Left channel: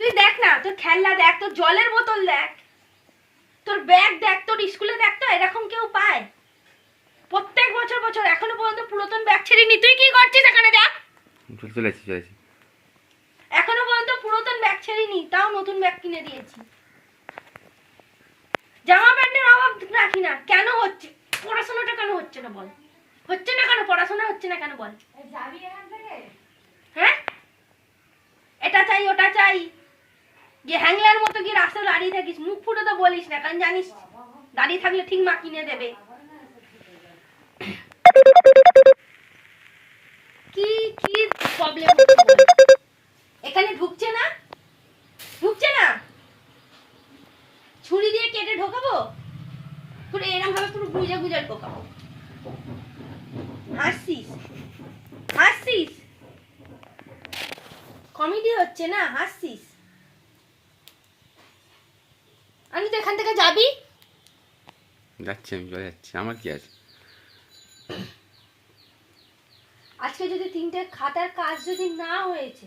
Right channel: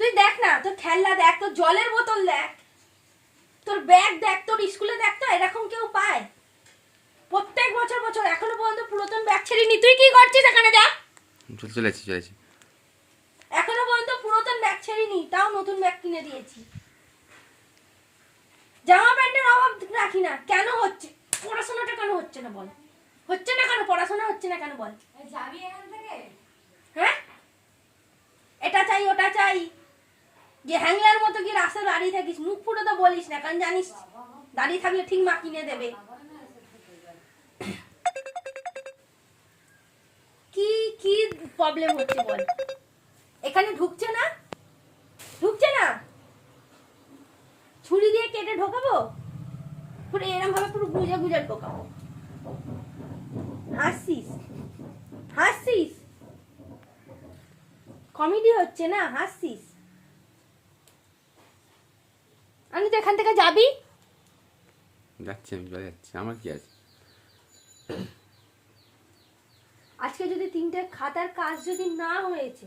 তুই দেখ না তোর খেলনা দেখ তোর জলের বোতল দেখ। তোর ব্যাগ দেখ তোর স্কুলে দেখ তো এরকম কেউ পায়। প্রত্যেক বছর বছর এখনও পর্যন্ত পুরাতন ব্যাগ ছেড়িনি। তুই কি করছিস এখানে যা চল চলেছি চলেছি। এখনও পর্যন্ত পুরাতন ব্যাগ ছেড়িনি তাও নতুন ব্যাগ কিনে দিয়েছি। জামা প্যান্টের অভাব রাখি না কেন হচ্ছে? পড়াশোনাটা কেন হচ্ছে না বল? হচ্ছে না কেন? পড়াশোনা হচ্ছে না কেন বল? যাবি এখান থেকে? হ্যাঁ? এটা চাই ওটা চাই। যে হ্যাংলার মতো কি রাস্তায় দাঁড়িয়ে থাকিস? মুখ ফুটে তো বলিস না, কারণ জানিস দাঁড়িয়ে থাকলে ঠিক মা কিনে দেবে। কি কি প্রবলেম এখানে ঢুকছে না? ঢুকছে না? ছুরি দিয়ে কেটে ঢোকাবো? পুরো এরম ভাবে পুরো গুজে গুজে ঢোকাবো। হাসছিস হাসছিস কমেডি হচ্ছে না হাসছিস তো এখান থেকে যাবি? যাচ্ছি আমি চলে যাচ্ছি। আমার কি আছে? আজকে যদি তিনটে খাতার কাজ যদি না হয়েছে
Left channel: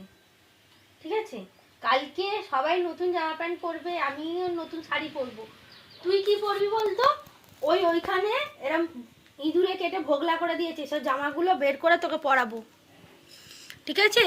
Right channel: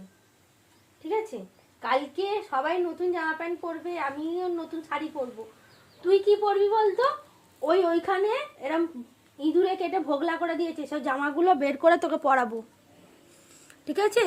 ঠিক আছে? কালকে সবাই নতুন জামা প্যান্ট পরবে আমি নতুন শাড়ি পরবো। তুই কি পরবি বলতো? ওই ওইখানে এরম ইঁদুরে কেটে ভোগলা করে দিয়েছে সব জামাগুলো বের করে তোকে পরাবো। ঠিক আছে?